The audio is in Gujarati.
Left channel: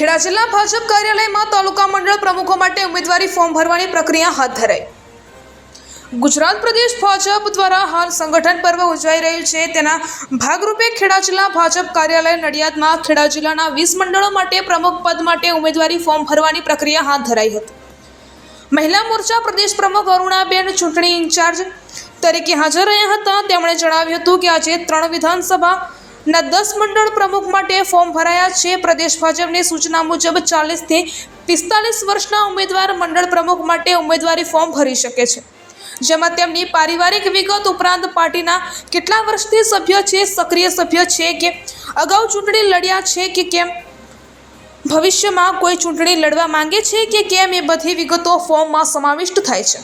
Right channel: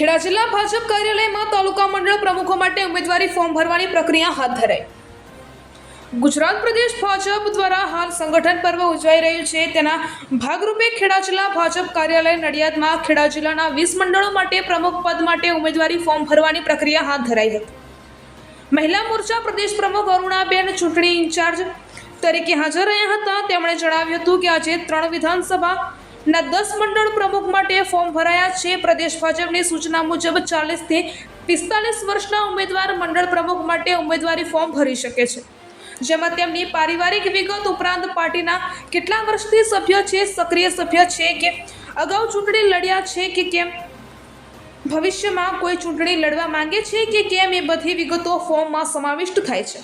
ખેડા જિલ્લા ભાજપ કાર્યાલયમાં તાલુકા મંડળ પ્રમુખો માટે ઉમેદવારી ફોર્મ ભરવાની પ્રક્રિયા હાથ ધરાઈ। ગુજરાત પ્રદેશ ભાજપ દ્વારા હાલ સંગઠન પર્વ ઉજવાઈ રહ્યું છે, તેના ભાગરૂપે ખેડા જિલ્લા ભાજપ કાર્યાલય નડિયાદમાં ખેડા જિલ્લાના 20 મંડળો માટે પ્રમુખ પદ માટે ઉમેદવારી ફોર્મ ભરવાની પ્રક્રિયા હાથ ધરાઈ હતી। મહિલા મોરચા પ્રદેશ પ્રમુખ અરુણાબેન ચૂંટણી ઇન્ચાર્જ તરીકે હાજર રહ્યા હતા। તેમણે જણાવ્યું હતું કે આજે 3 વિધાનસભાના 10 મંડળ પ્રમુખ માટે ફોર્મ ભરાયા છે। પ્રદેશ ભાજપની સૂચના મુજબ 40 થી 45 વર્ષના ઉમેદવાર મંડળ પ્રમુખ માટે ઉમેદવારી ફોર્મ ભરી શકે છે, જેમાં તેમની પારિવારિક વિગત ઉપરાંત પાર્ટીના કેટલા વર્ષથી સભ્ય છે, સક્રિય સભ્ય છે કે અગાઉ ચૂંટણી લડ્યા છે કે કેમ, ભવિષ્યમાં કોઈ ચૂંટણી લડવા માંગે છે કે કેમ, એ બધી વિગતો ફોર્મમાં સમાવિષ્ટ થાય છે।